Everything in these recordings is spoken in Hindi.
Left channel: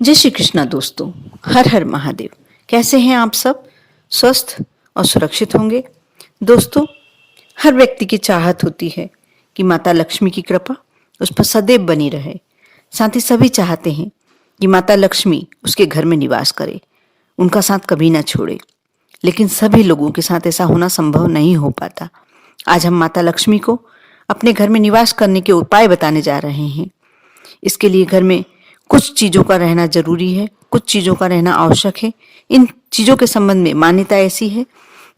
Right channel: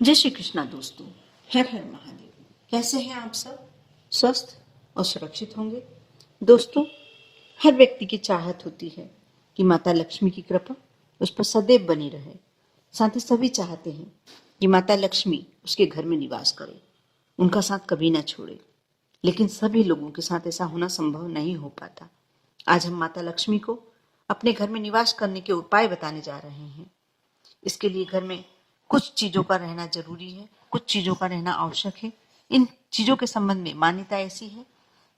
जय श्री कृष्णा दोस्तों। हर हर महादेव। कैसे हैं आप सब? स्वस्थ और सुरक्षित होंगे। दोस्तों, हर व्यक्ति की चाहत होती है कि माता लक्ष्मी की कृपा उस पर सदैव बनी रहे। साथ ही सभी चाहते हैं कि माता लक्ष्मी उसके घर में निवास करे, उनका साथ कभी ना छोड़े। लेकिन सभी लोगों के साथ ऐसा होना संभव नहीं हो पाता। आज हम माता लक्ष्मी को अपने घर में निवास करने के उपाय बताने जा रहे हैं। इसके लिए घर में कुछ चीज़ों का रहना जरूरी है, कुछ चीज़ों का रहना आवश्यक है। इन चीज़ों के संबंध में मान्यता ऐसी है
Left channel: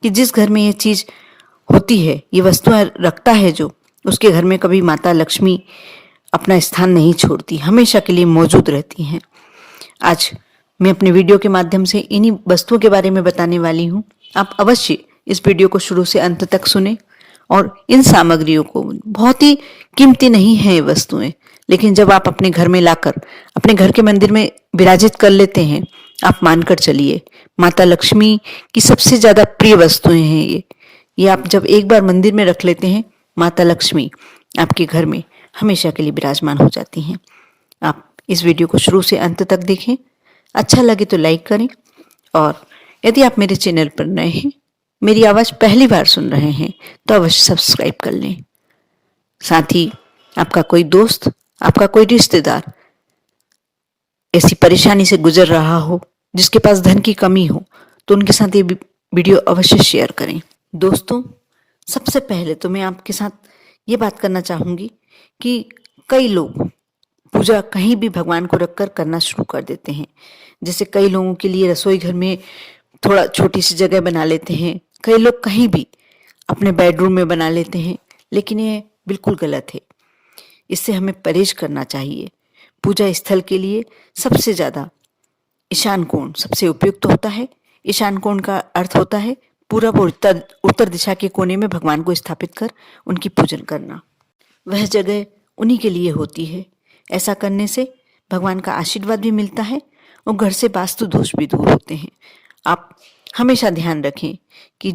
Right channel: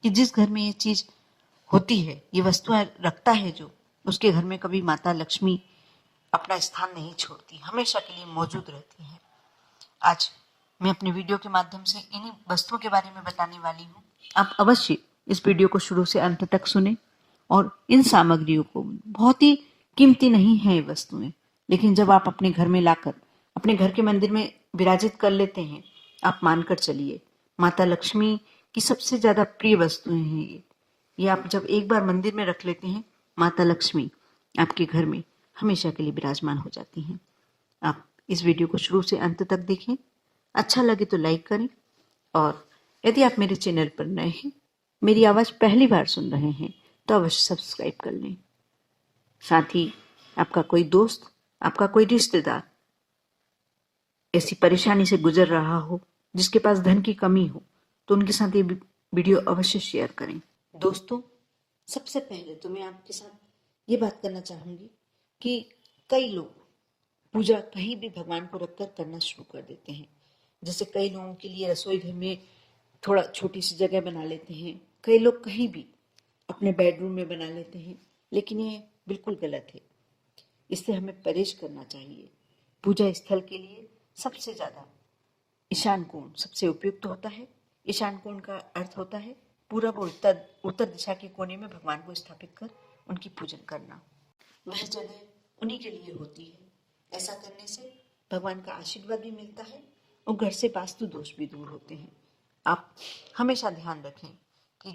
कि जिस घर में ये चीज़ होती है, ये वस्तुएं रखता है जो, उसके घर में कभी माता लक्ष्मी अपना स्थान नहीं छोड़ती, हमेशा के लिए मौजूद रहती हैं। आज मैं अपने वीडियो के माध्यम से इन्हीं वस्तुओं के बारे में बताने वाली हूँ। आप अवश्य इस वीडियो को शुरू से अंत तक सुने और इन सामग्रियों को, बहुत ही कीमती नहीं है ये वस्तुएं, लेकिन जब आप अपने घर में लाकर अपने घर के मंदिर में विराजित कर लेते हैं, आप मानकर चलिए माता लक्ष्मी की सबसे ज्यादा प्रिय वस्तुएं हैं ये आप जब एक बार मंदिर में रख लेते हैं, माता लक्ष्मी आपके घर में हमेशा के लिए विराजमान हो जाती हैं। आप इस वीडियो को शुरू से अंत तक देखें। अच्छा लगे तो लाइक करें, और यदि आप मेरे चैनल पर नए हैं, मेरी आवाज़ पहली बार सुन रहे हैं, तो अवश्य सब्सक्राइब कर लें। साथ ही आपका कोई दोस्त, आपका कोई रिश्तेदार ऐसी परेशानी से गुजर रहा हो, जिसके पास धन की कमी हो, तो उनके साथ ये वीडियो अवश्य शेयर करें। दोस्तों, सबसे पहले तो मैं आपके साथ ये बात करना चाहूँगी कि कई लोग पूजा कहीं भी भगवान को रखकर करना शुरू कर देते हैं। जैसे कई लोगों के लिए रसोई घर में थोड़ा छोटी सी जगह बना लेते हैं, कई लोग कहीं भी अपने बेडरूम में बना लेते हैं, लेकिन ये बिल्कुल गलत है। इससे हमें परहेज करना चाहिए। पूजा स्थल के लिए सबसे ज़्यादा ईशान कोण सबसे उपयुक्त होता है। ईशान कोण का अर्थ होता है पूरब और उत्तर दिशा के कोने में भगवान को स्थापित कर उनकी पूजन करना। वह जगह उन्हीं के लिए होती है। ऐसा करने से भगवान का आशीर्वाद भी मिलता है और घर से वास्तु दोष भी दूर होते हैं। आप हमेशा ध्यान रखें कि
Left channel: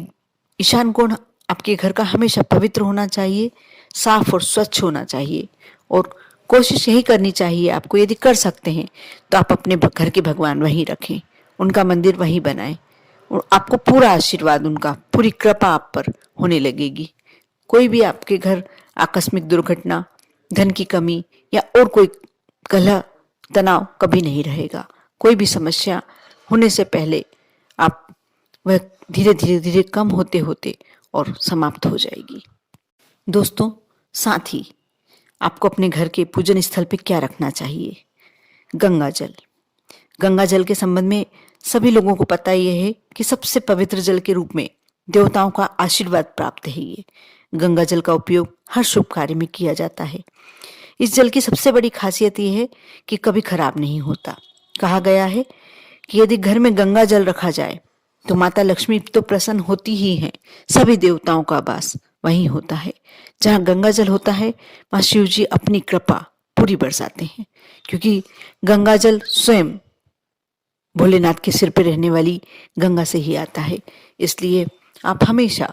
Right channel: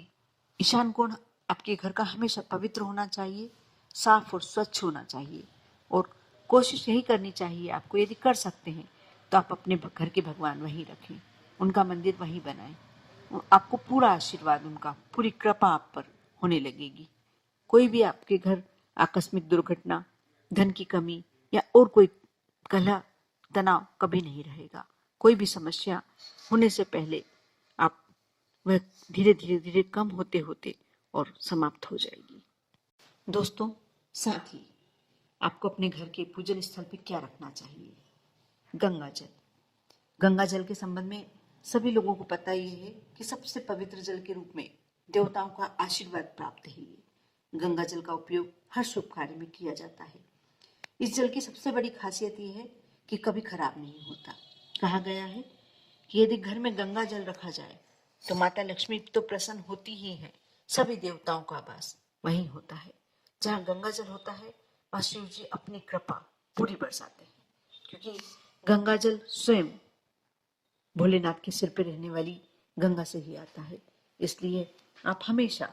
ईशान कोण आपके घर का हमेशा पवित्र होना चाहिए, साफ और स्वच्छ होना चाहिए। और कोशिश यही करनी चाहिए आपको, यदि कर सकते हैं तो आप अपने घर के भगवान वहीं रखें, उनका मंदिर वहीं बनाएं, और आपको पूरा आशीर्वाद, उनका पूरी कृपा आप पर होने लगेगी। कोई भी आपके घर आकस्मिक दुर्घटना, धन की कमी या और कोई कलह तनाव कभी नहीं रहेगा। कोई भी समस्या होने से पहले आप वह धीरे धीरे धीरे कम होते होते और समाप्त हो जाएगी। दोस्तों, साथ ही आपको अपने घर के पूजन स्थल पे क्या रखना चाहिए? गंगा जल। गंगा जल के संबंध में सभी लोगों को पता यह है कि सबसे पवित्र जल के रूप में देवताओं का आशीर्वाद प्राप्त है। ये गंगा जल का उपयोग हर शुभ कार्य में किया जाता है। इस जल की सबसे बड़ी खासियत यह है कि कभी खराब नहीं होता। कहा गया है कि यदि घर में गंगा जल रखा जाए तो माता लक्ष्मी तो प्रसन्न होती ही हैं, सभी देवताओं का वास वहीं होता है। जहाँ गंगा जल होता है, वहाँ शिव जी अपनी कृपा पूरी बरसाते हैं, क्योंकि गंगा जल स्वयं भोलेनाथ के सिर पे रहने वाली गंगा से ही आता है। इसलिए आप हमेशा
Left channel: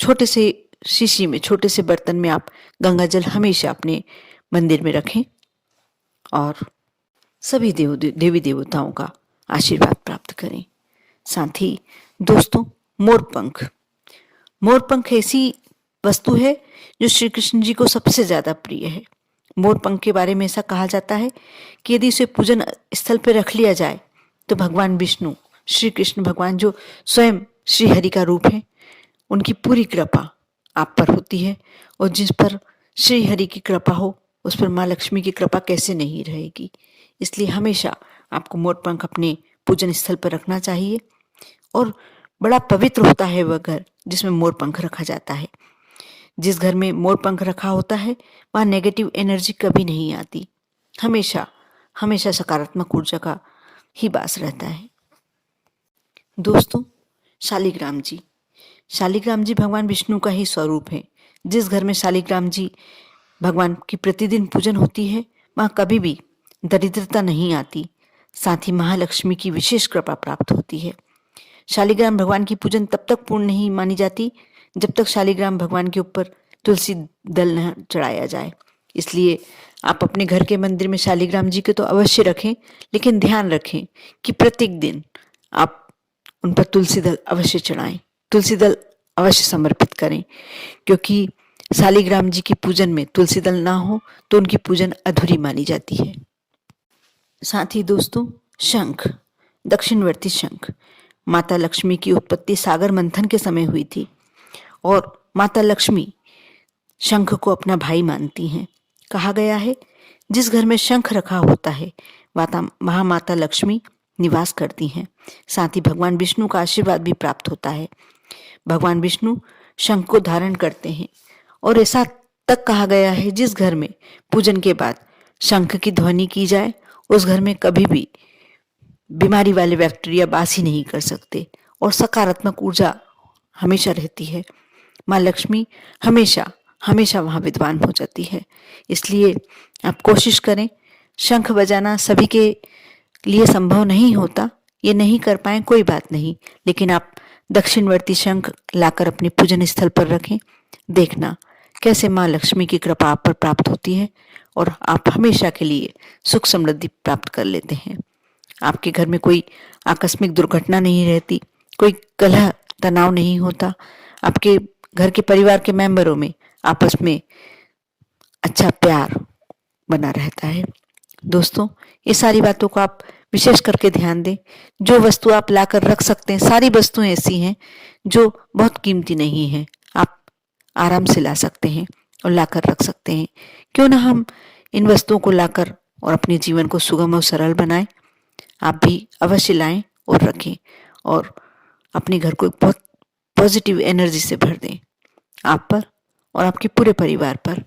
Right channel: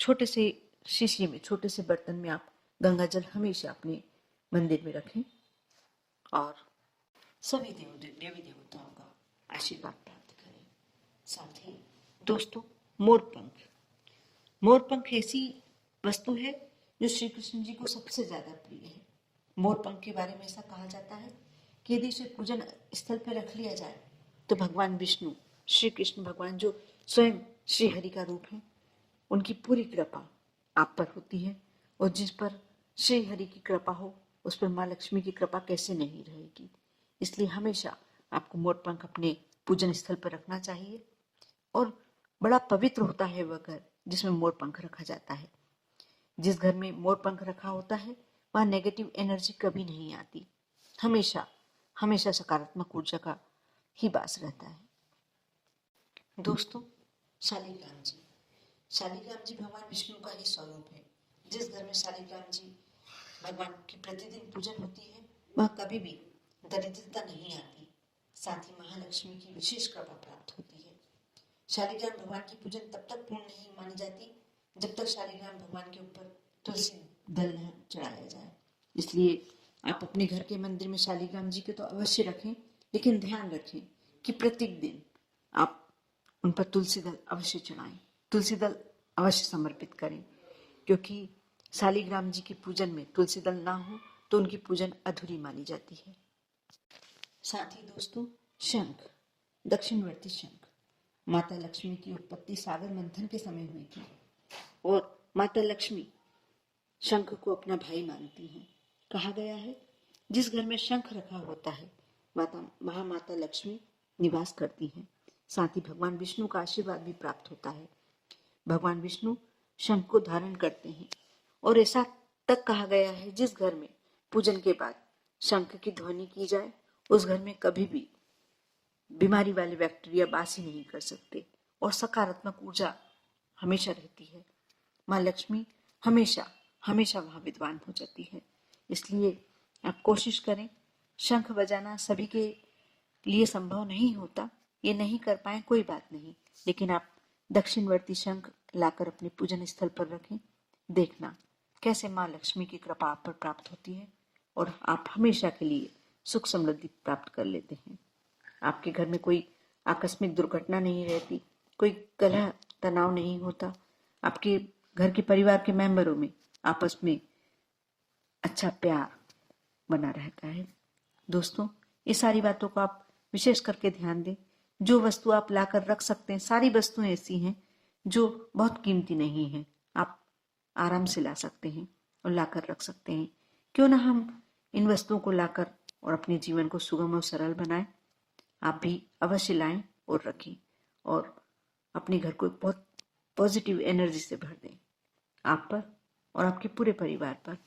छोटे से शीशी में, छोटे से बर्तन में आप गंगा जल हमेशा अपने मंदिर में रखें और सभी देवी देवताओं का आशीर्वाद प्राप्त करें। साथ ही दोस्तों, मोरपंख। मोरपंख ऐसी वस्तु है जो श्री कृष्ण जी को सबसे ज्यादा प्रिय है। मोरपंख के बारे में ऐसा कहा जाता है कि यदि इसे पूजन स्थल पर रख लिया जाए तो भगवान विष्णु, श्री कृष्ण भगवान जो स्वयं श्री हरि का रूप है, उनकी पूरी कृपा आप पर होती है। और जिस पर श्री हरि की कृपा हो, उस पर माँ लक्ष्मी की कृपा कैसे नहीं रहेगी। इसलिए हमेशा आपको मोरपंख अपने पूजन स्थल पर रखना चाहिए। और बड़ा पवित्र होता है वह घर जिसमें मोरपंख रखा जाता है। जिस घर में मोरपंख रखा होता है, वहाँ नेगेटिव एनर्जी कभी नहीं आती। हमेशा हमेशा सकारात्मक ऊर्जा का ही वास रहता है। दोस्तों, शालिग्राम जी। शालिग्राम जी भगवान विष्णु का ही स्वरूप है। जिस घर में शालिग्राम जी भगवान की प्रतिदिन पूजन होती है, वहाँ कभी भी दरिद्रता नहीं आती। साथ ही महालक्ष्मी की विशेष कृपा प्राप्त होती है। शालिग्राम भगवान की पूजन तब तक पूर्ण नहीं मानी जाती जब तक शालिग्राम भगवान के ऊपर तुलसी दल न चढ़ाया जाए। इसलिए आप अपने घर के मंदिर में शालिग्राम जी के तो अवश्य रखें, लेकिन ध्यान रखें कि प्रत्येक दिन आप उन पर तुलसी दल अवश्य चढ़ाएं, तुलसी दल अवश्य समर्पित करें, क्योंकि शालिग्राम जी की पूजन में तुलसी दल ना हो तो उनकी पूजन अधूरी मानी जाती है। साथ ही दोस्तों, शंख, दक्षिणवर्ती शंख, माता लक्ष्मी की उत्पत्ति सागर मंथन के समय हुई थी और माता लक्ष्मी शंख को अपना भाई मानती हैं। कहा गया है, जिस घर में शंख रखा होता है वहाँ माता लक्ष्मी निवास करती हैं। साथ ही भगवान विष्णु का आशीर्वाद भी प्राप्त होता है। भगवान विष्णु शंख को धारण करते हैं और ऐसा तक कहा गया है, जिस घर में पूजन के बाद शंख की ध्वनि की जाए उस घर में कभी भी बीमारी वाले बैक्टीरिया वास ही नहीं कर सकते और सकारात्मक ऊर्जा हमेशा रहती है। माँ लक्ष्मी हमेशा हमेशा वहाँ विद्वान हो जाती है। इसलिए आप कोशिश करें। शंख बजाना सभी के लिए संभव नहीं होता, ये नहीं कर पाए कोई बात नहीं, लेकिन आप दक्षिणवर्ती शंख लाकर अपने पूजन स्थल पर रखें। देखना कैसे माँ लक्ष्मी की कृपा आप पर प्राप्त होती है और आप हमेशा के लिए सुख समृद्धि प्राप्त कर लेते हैं। आपके घर में कोई आकस्मिक दुर्घटना नहीं रहती, कोई कलह तनाव नहीं होता, आपके घर के परिवार के मेंबरों में आपस में अच्छा प्यार बना रहता है। दोस्तों, ये सारी बातों को आप विशेष करके ध्यान दें। जो वस्तु आप लाकर रख सकते हैं, सारी वस्तुएं ऐसी हैं जो बहुत कीमती नहीं है, आप आराम से ला सकते हैं और लाकर रख सकते हैं। क्यों ना हम इन वस्तुओं को लाकर और अपने जीवन को सुगम और सरल बनाएं। आप भी अवश्य लाएं और रखें और अपने घर को बहुत पॉजिटिव एनर्जी से भर दें। आप पर और आपके पूरे परिवार पर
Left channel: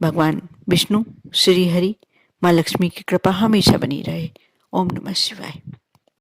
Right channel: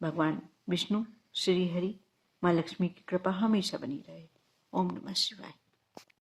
भगवान विष्णु, श्री हरि, माँ लक्ष्मी की कृपा हमेशा बनी रहे। ओम नमः शिवाय।